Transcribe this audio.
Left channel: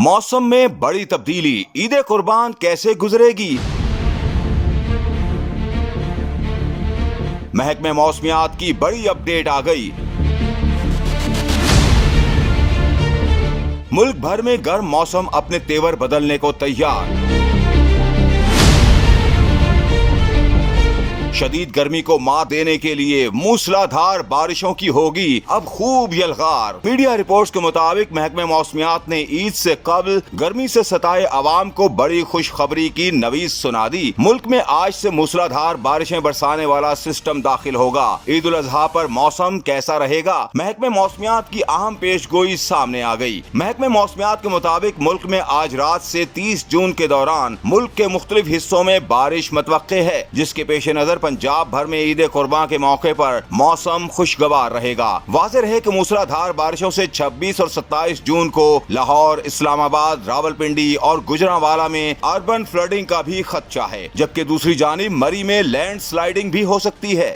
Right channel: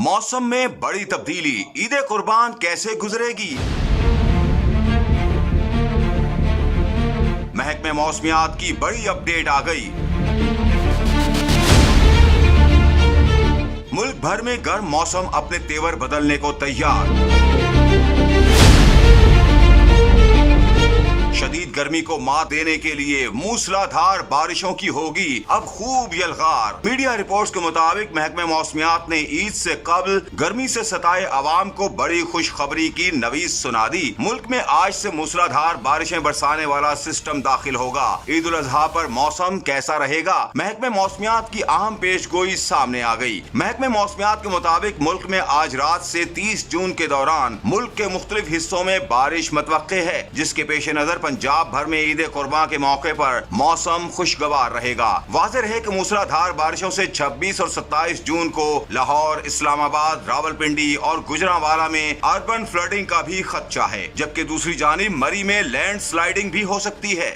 मौसम में बड़ी तब्दीली, ईद कुर्बान कैसे गुजरेगी? महकमे मौसमियात की बड़ी अपडेट आ गई। मुल्क भर में गर्म मौसम अपने तेवर बदलने को तैयार। शदीद गर्मी को मात देने के लिए मूसलाधार बारिशों की होगी अब खूब यलगार। मीडिया रिपोर्ट्स के मुताबिक महकमे मौसमियात ने ईद से कबल गर्मी से सताए अवाम को बड़ी खुशखबरी की नवीस सुना दी। मुल्क में आज से मूसलाधार बारिशें बरसाने वाला सिस्टम दाखिल होगा। ईद उल अजहा पर मौसम कैसा रहेगा? महकमे मौसमियात की अहम पेशगोई सामने आ गई। महकमे मौसमियात के मुताबिक मुल्क में आज रात से 30 जून के दौरान मुल्क के मुख्तलिफ हिस्सों में बारिश मतवक्के है, जिसके पेश नजर पंजाब भर में ईद कुर्बान के मौके पर मौसम खुशगवार रहेगा। वाज़ेह है कि मूसलाधार बारिशों से 26 और 27 जून को लाहौर, इस्लामाबाद, रावलपिंडी और गुजरांवाला में अर्बन फ्लडिंग का भी खदशा है, जबकि दूसरी जानिब मरी में लैंड स्लाइडिंग भी हो सकती है।